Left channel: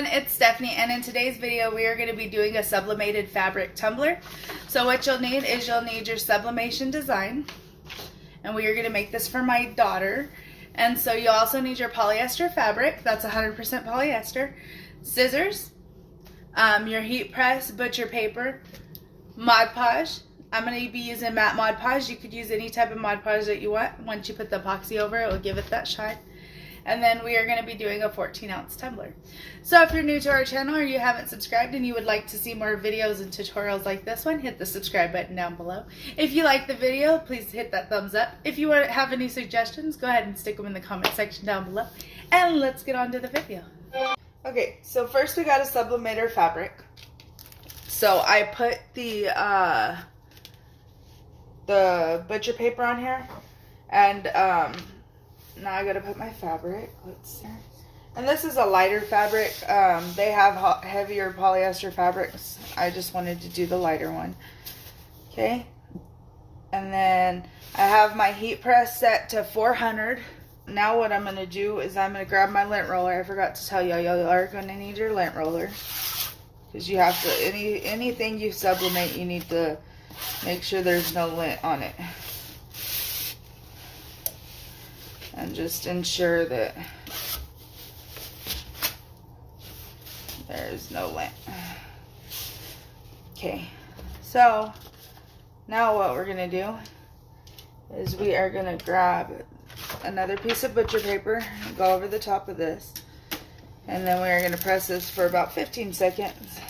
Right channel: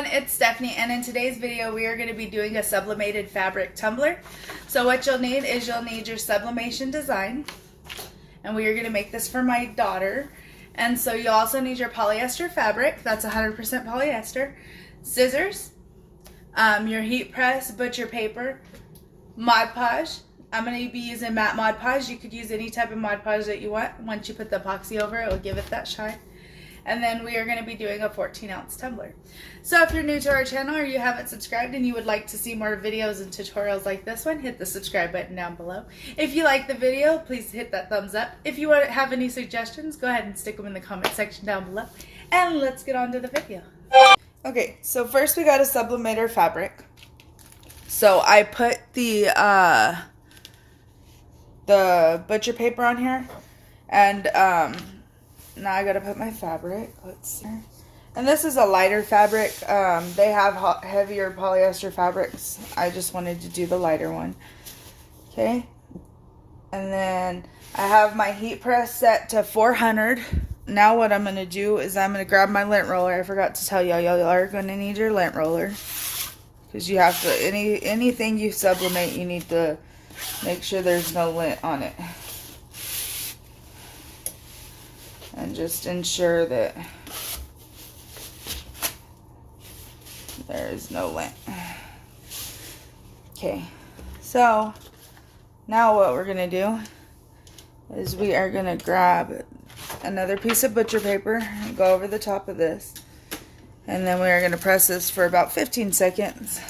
everyone, it's Stephanie, and in today's video we are going to be doing a sublimated fabric tumbler. So what you'll need is you'll need your sublimation design, and we are going to make this for my daughter. And so you also need your polyester fabric, that's 100% polyester, scissors, your heat press, butcher paper, Mod Podge. I'm going to be using matte Mod Podge. You could use any type of Mod Podge that you want. Once you put the epoxy over it, will give it that shine. And then we are going to be doing a 14-ounce tumbler. So if you're new to our channel or you haven't subscribed and you would like to see more videos and tutorials like this one, hit the subscribe button down below. If you like the video, please hit that thumbs up. If you have any suggestions, go ahead and stick them in the comment section down below. And let's get on to the video. Okay, so first we got a sublimator fabric. So I put the butcher paper on here, and now I gotta put my fabric. Let's see. And this is a lighter fabric. They have heavier polyester fabrics. I just wanted to do the lighter one. Okay. And then I have my heat press set to 400. Now what I'm gonna do is I'm gonna grab my lint roller. I forgot to tell y'all, y'all are gonna need your lint roller, because you have to, anything you sublimate, you need to make sure there's no lint on it. And just ensure that there is no lint. Okay, so now what we're gonna do is we are gonna grab another piece of butcher paper and go over the top of this, and then we are gonna press this for about 15 seconds.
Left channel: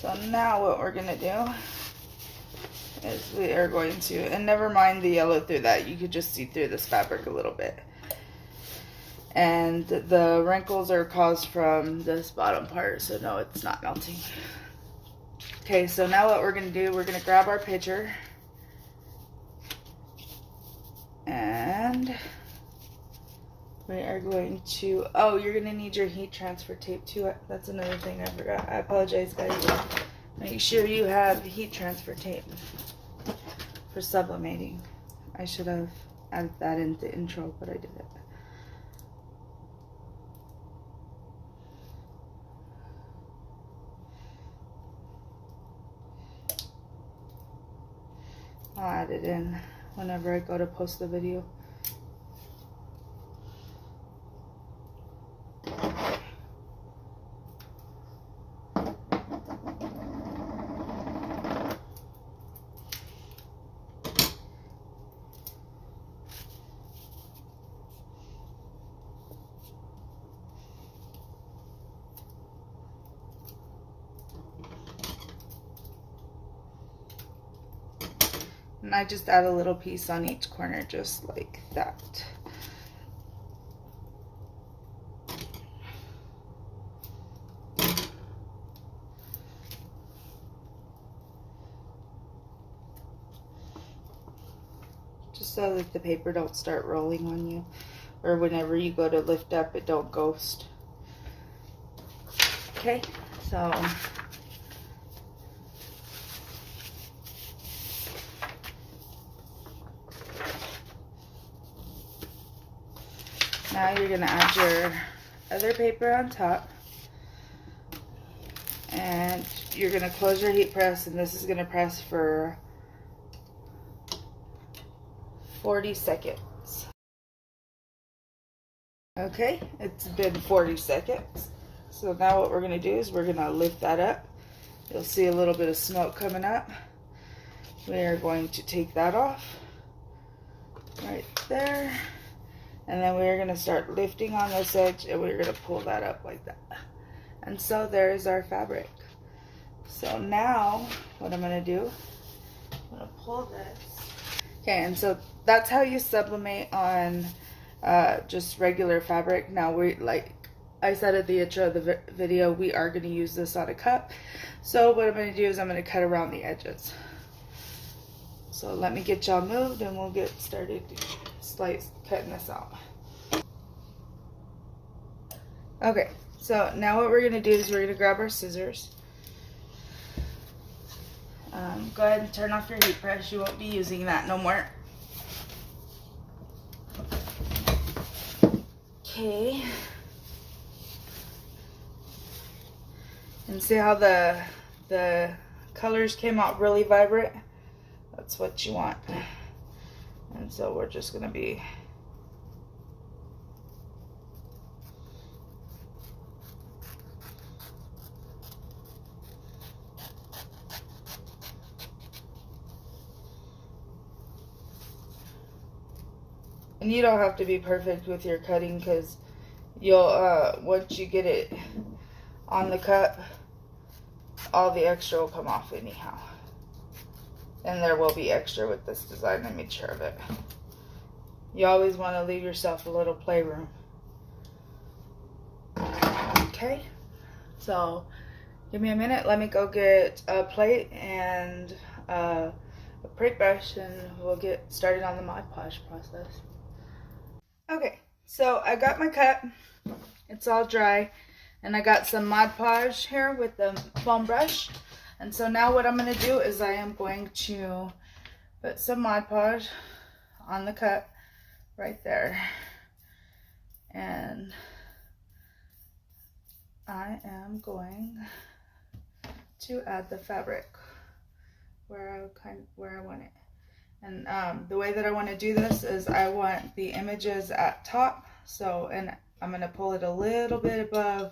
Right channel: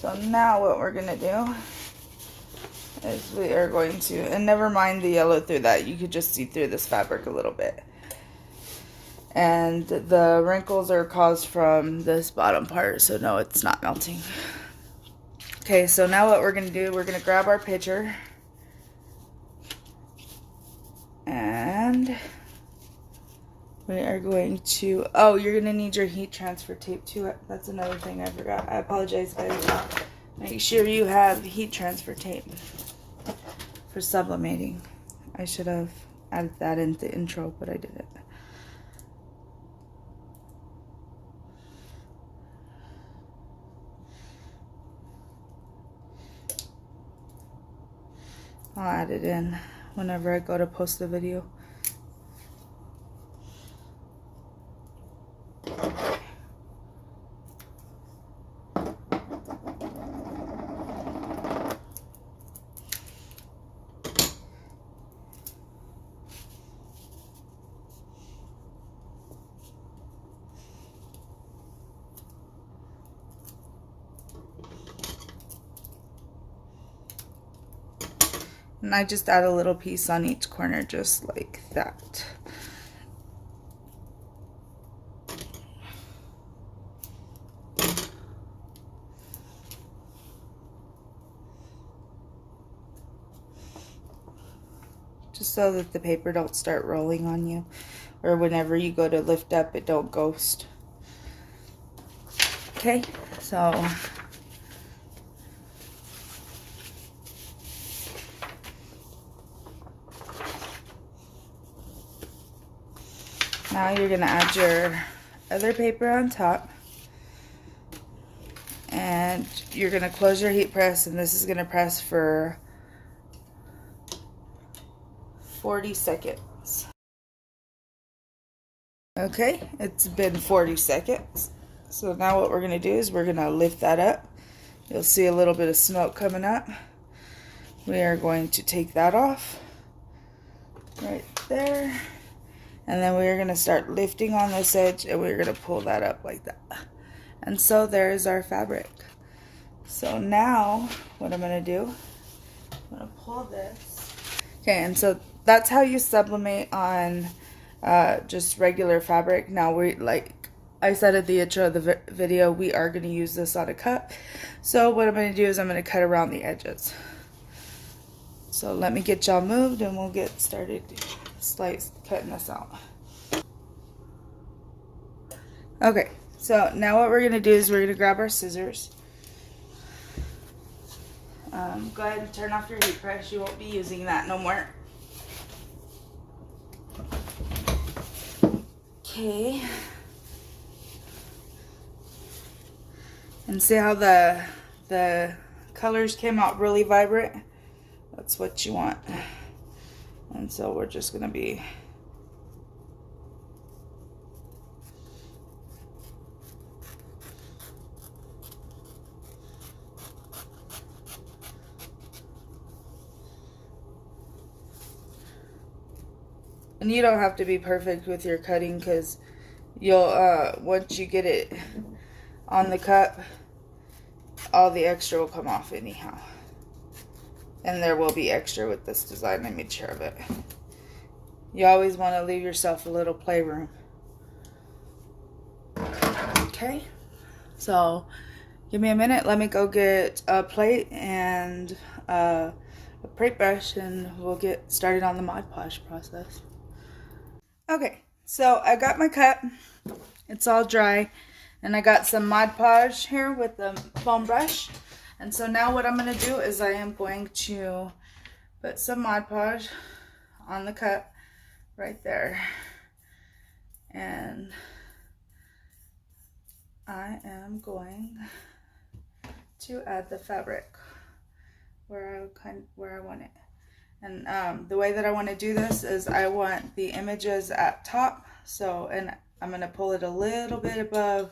So now what we're going to do is we are going to, and never mind the yellow through that, you could just see through this fabric a little bit. And the wrinkles are caused from this bottom part, so no, it's not melting. Okay, so now what we're going to do, we're going to grab our pitcher. And we are going to, oh, you're going to need your heat transfer tape too. That's another thing I forgot. I apologize, guys. Make sure you have heat transfer tape for sublimating. I should have added that in the intro, but I didn't. I'll add it in whenever I go to post the video. And I just add a little piece on each corner, just like that. Just so that the paper don't start rolling on you, or whenever you go to lift up, it don't ghost. Okay, so now you're going to add your other paper on top, and you're going to close your heat press, and this is going to press for 40 seconds. Okay, it's been 40 seconds. So now what we're going to do is we're going to lift that up. You'll see a little bit of smoke coming up. We are going to take that off right there. And then we're going to start lifting on this edge, and we're going to pull that up like that. And so there's our fabric. So now what I'm going to do, I'm going to pull this. Okay, and so that's how you sublimate on just regular fabric. Now we, like I said at the intro of the video, we are going to use this on a cup. So what I'm going to do is I'm going to cut around the edges. So let me get y'all moved and we'll get started cutting this out. Okay, so now what we're going to do is we're going to grab our scissors. Go ahead and turn off your heat press. You won't be using that no more. Okay. And see how the colors came out really vibrant? That's what you want. And so we're just gonna be and you don't have to be perfect with your cutting, because you'll once you get it on the cup, all the extra will come off anyhow. And there will be extra with this design. I made sure of it. You always want to leave yourself a little playroom. Okay, so give me a minute. Let me go get a plate and a paintbrush, and we'll get started on the Mod Podge process. Okay, so I got my cup. It's all dry, and I got some Mod Podge here with the foam brush. And so now what I'm going to do is I am going to put some Mod Podge on the cup right there. And I am going to add the fabric where I want it. And the way that I want to do this is I want the images at top. So, and I'm going to pull it a little bit above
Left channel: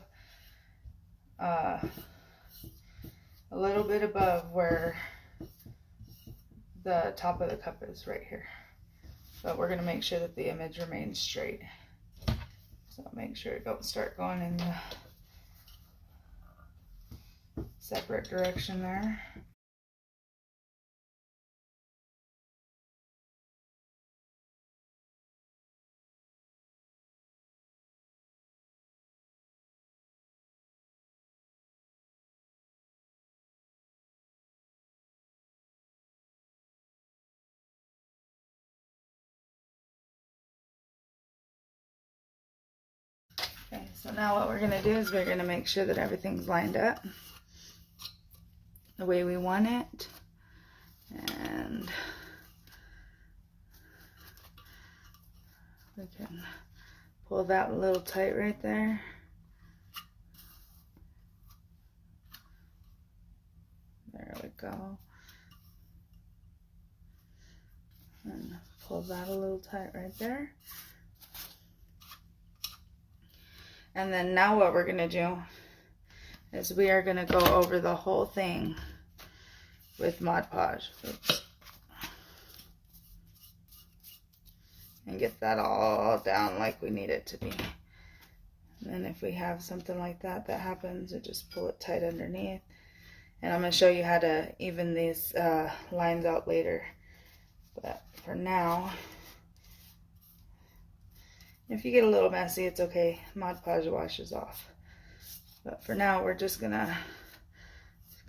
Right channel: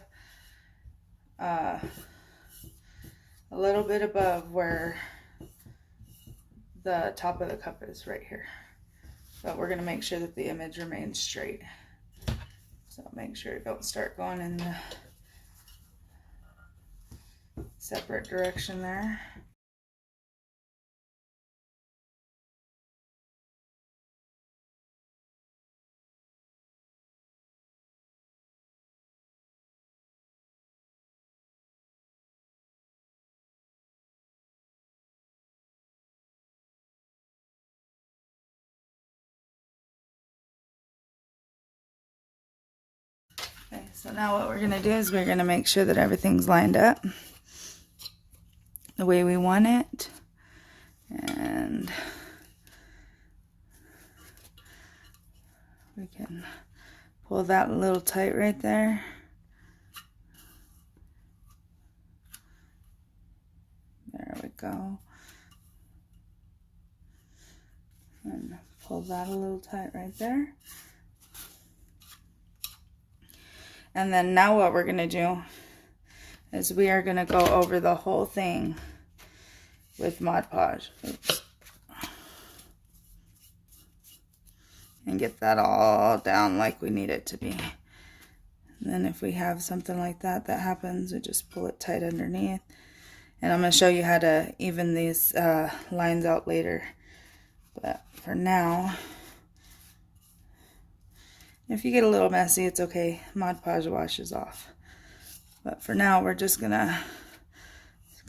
where the top of the cup is right here. But we're going to make sure that the image remains straight. So make sure you don't start going in the separate direction there. Okay, so now what we're going to do is we're going to make sure that everything's lined up the way we want it. And we can pull that a little tight right there. There we go. And pull that a little tight right there. And then now what we're going to do is we are going to go over the whole thing with Mod Podge. Oops. And get that all down like we need it to be. And then if we have something like that happens, we just pull it tight underneath. And I'm going to show you how to even these lines out later. But for now, if you get a little messy, it's okay. Mod Podge washes off. But for now, we're just gonna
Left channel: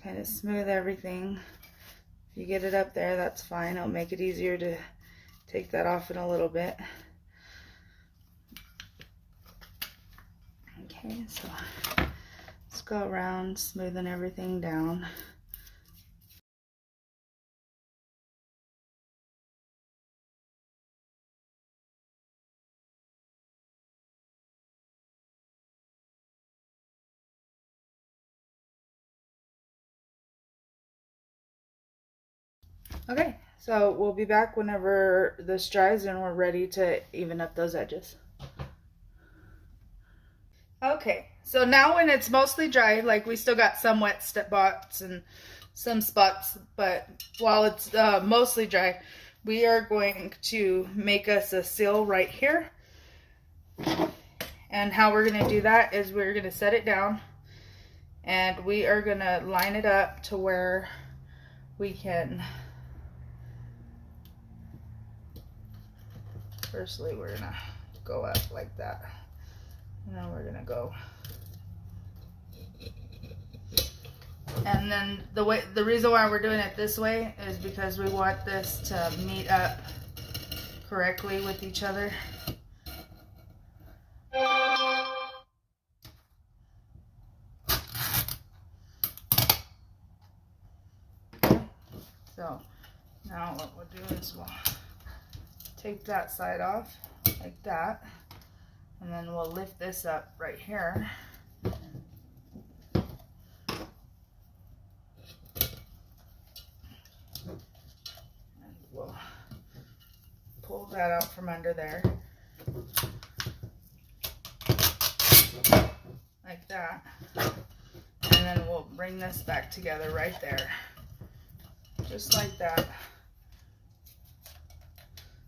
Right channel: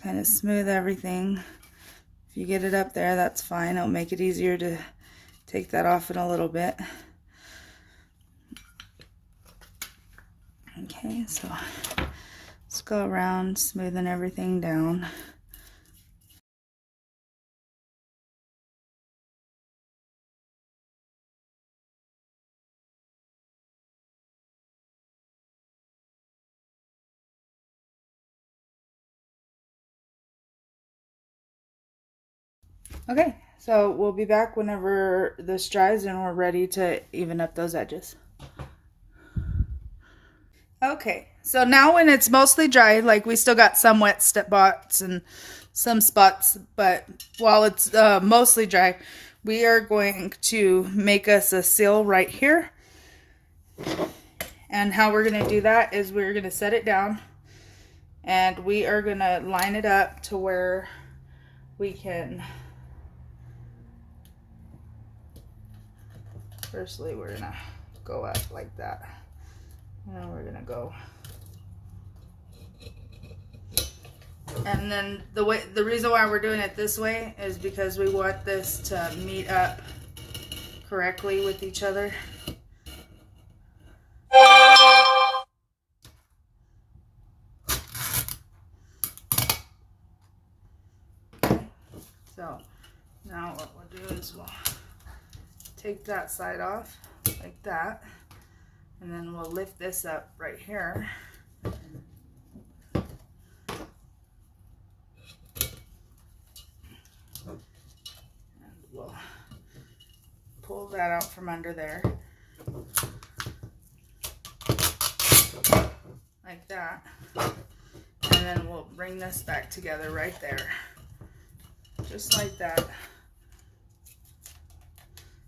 kind of smooth everything. If you get it up there, that's fine. It'll make it easier to take that off in a little bit. Okay, so let's go around smoothing everything down. Okay, so we'll be back whenever this dries and we're ready to even up those edges. Okay, so now when it's mostly dry, like we still got some wet spots and some spots, but while it's mostly dry, we are going to make us a seal right here. And how we're going to do that is we're going to set it down and we are going to line it up to where we can, firstly we're going to go up like that. And then we're gonna go, and then the reason why we're doing it this way is because we want this to meet up correctly with each other. So now what we'll do is we'll take that side off like that. And then we'll lift this up right here. And we'll pull that out from under there. Like that. And then we'll bring this back together right there. Just like that.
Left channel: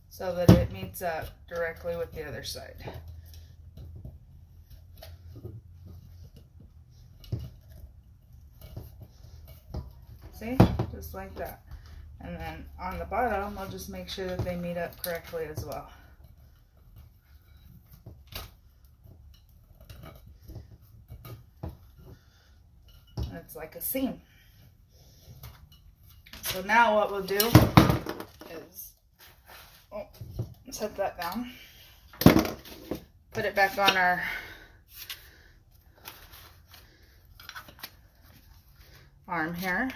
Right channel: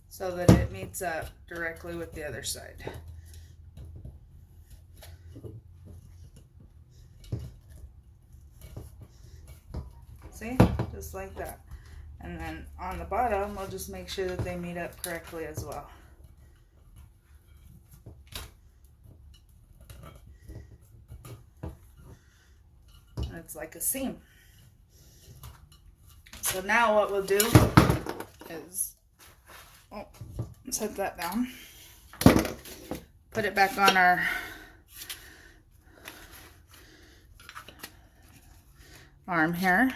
So that it meets up directly with the other side. See? Just like that. And then on the bottom, we'll just make sure that they meet up correctly as well. It's like a seam. So now what we'll do is set that down, put it back on our arm here,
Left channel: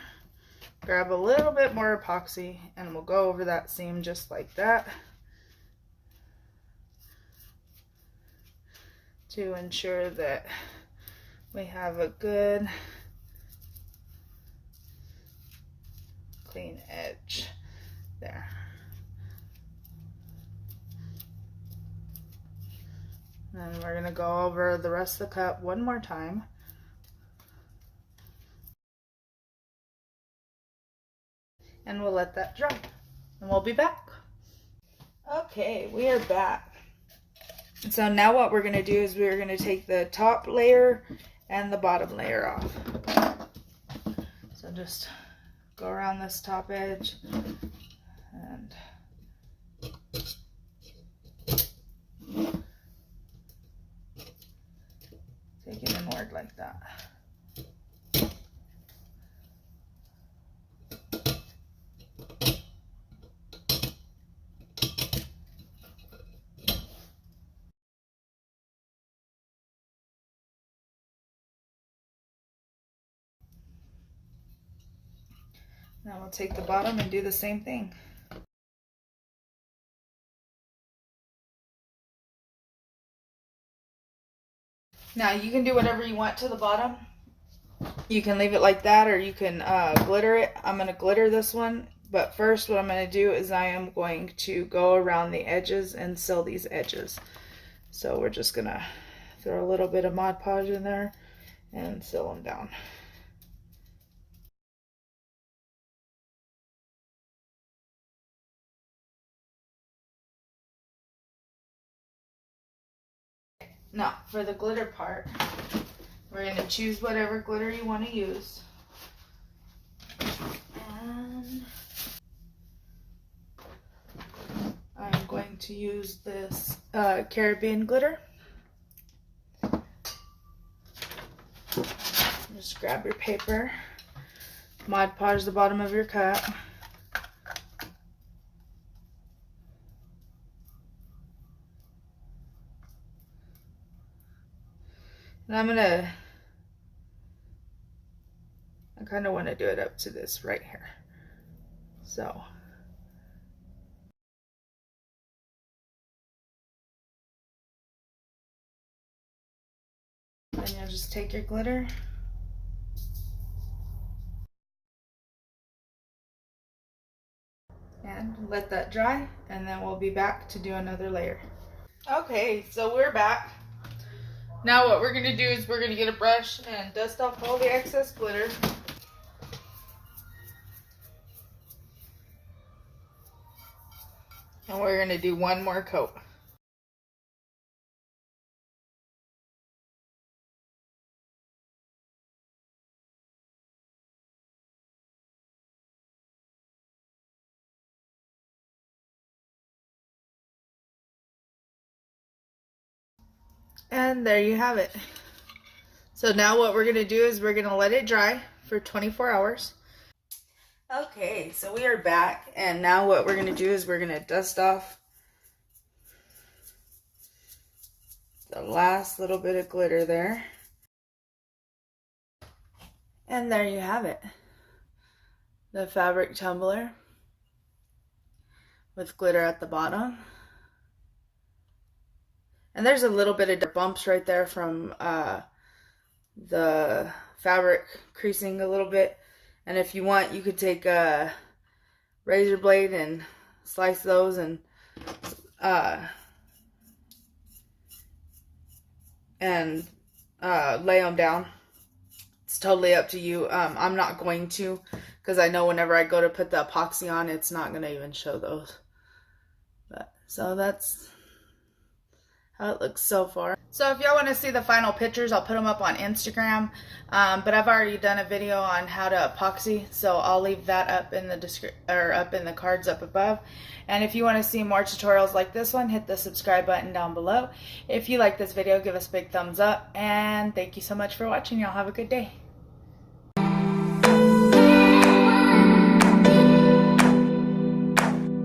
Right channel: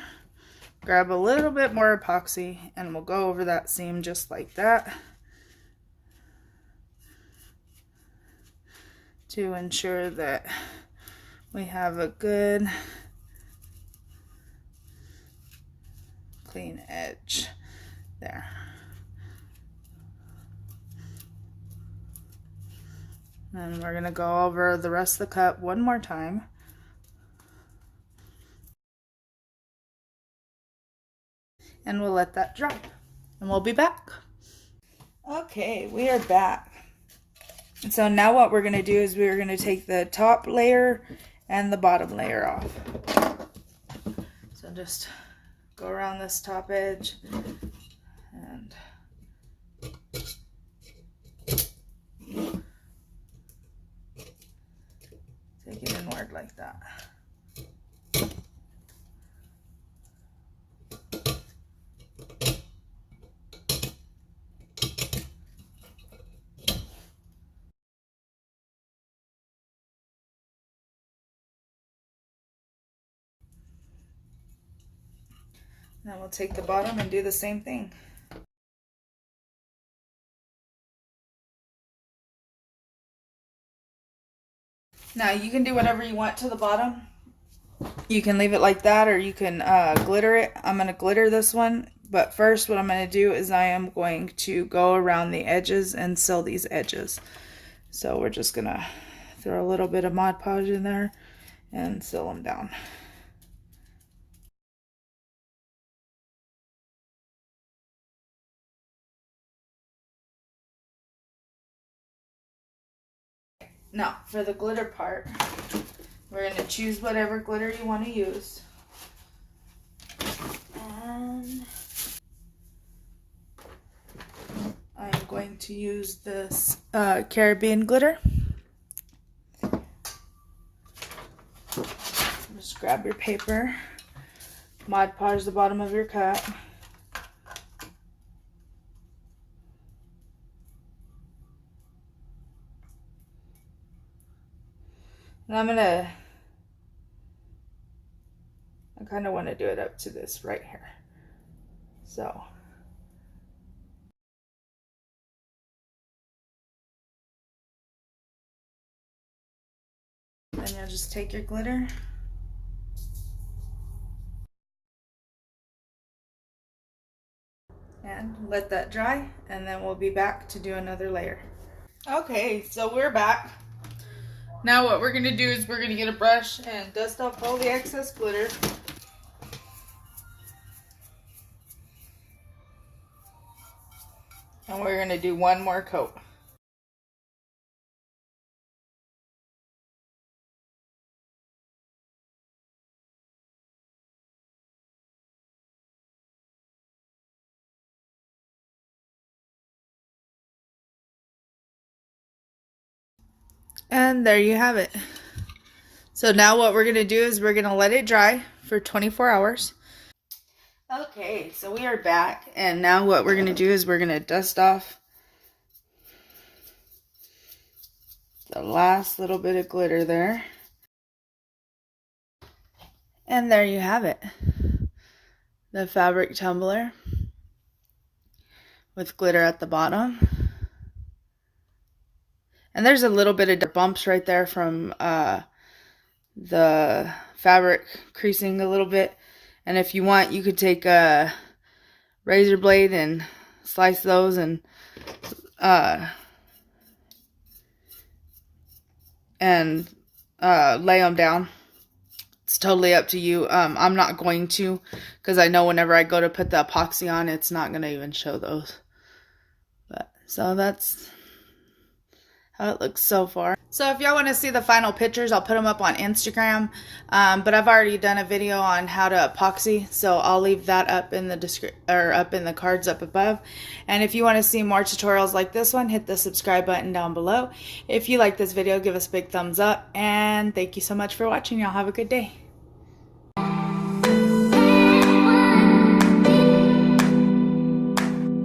grab a little bit more epoxy, and we'll go over that seam just like that to ensure that we have a good clean edge there. And we're going to go over the rest of the cut one more time. And we'll let that dry. And we'll be back. Okay, we are back. So now what we're going to do is we're going to take the top layer and the bottom layer off. So just go around this top edge and take it inward like that. Then we'll take the bottom and do the same thing. Now you can do whatever you want to the bottom. You can leave it like that, or you can glitter it. I'm going to glitter this one, but first what I'm going to do is I am going to go around the edges and seal these edges. So we're just going to throw a little bit of Mod Podge in there and seal them down. Now for the glitter part, we're going to choose whatever glitter you want to use. And I'm going to use this Caribbean glitter. Just grab your paper, Mod Podge the bottom of your cut. And I kind of want to do it up to this right here. So then you'll just take your glitter and let that dry, and then we'll be back to do another layer. Okay, so we're back. Now what we're going to do is we're going to get a brush and dust off all the excess glitter. And we're going to do one more coat. And there you have it. So now what we're going to do is we're going to let it dry for 24 hours. Okay, so we are back, and now what we're going to do is we're going to dust off the last little bit of glitter there. And there you have it. The fabric tumbler with glitter at the bottom. And there's a little bit of bumps right there from the fabric creasing a little bit. And if you want, you could take a razor blade and slice those and lay them down. It's totally up to you. I'm not going to, because I know whenever I go to put the epoxy on, it's not going to even show those. But so that's how it looks so far. So if y'all want to see the final pictures, I'll put them up on Instagram. But I've already done a video on how to epoxy, so I'll leave that up in the up in the cards up above. And if you want to see more tutorials like this one, hit the subscribe button down below. If you like this video, give us a big thumbs up, and thank you so much for watching. Y'all have a good day.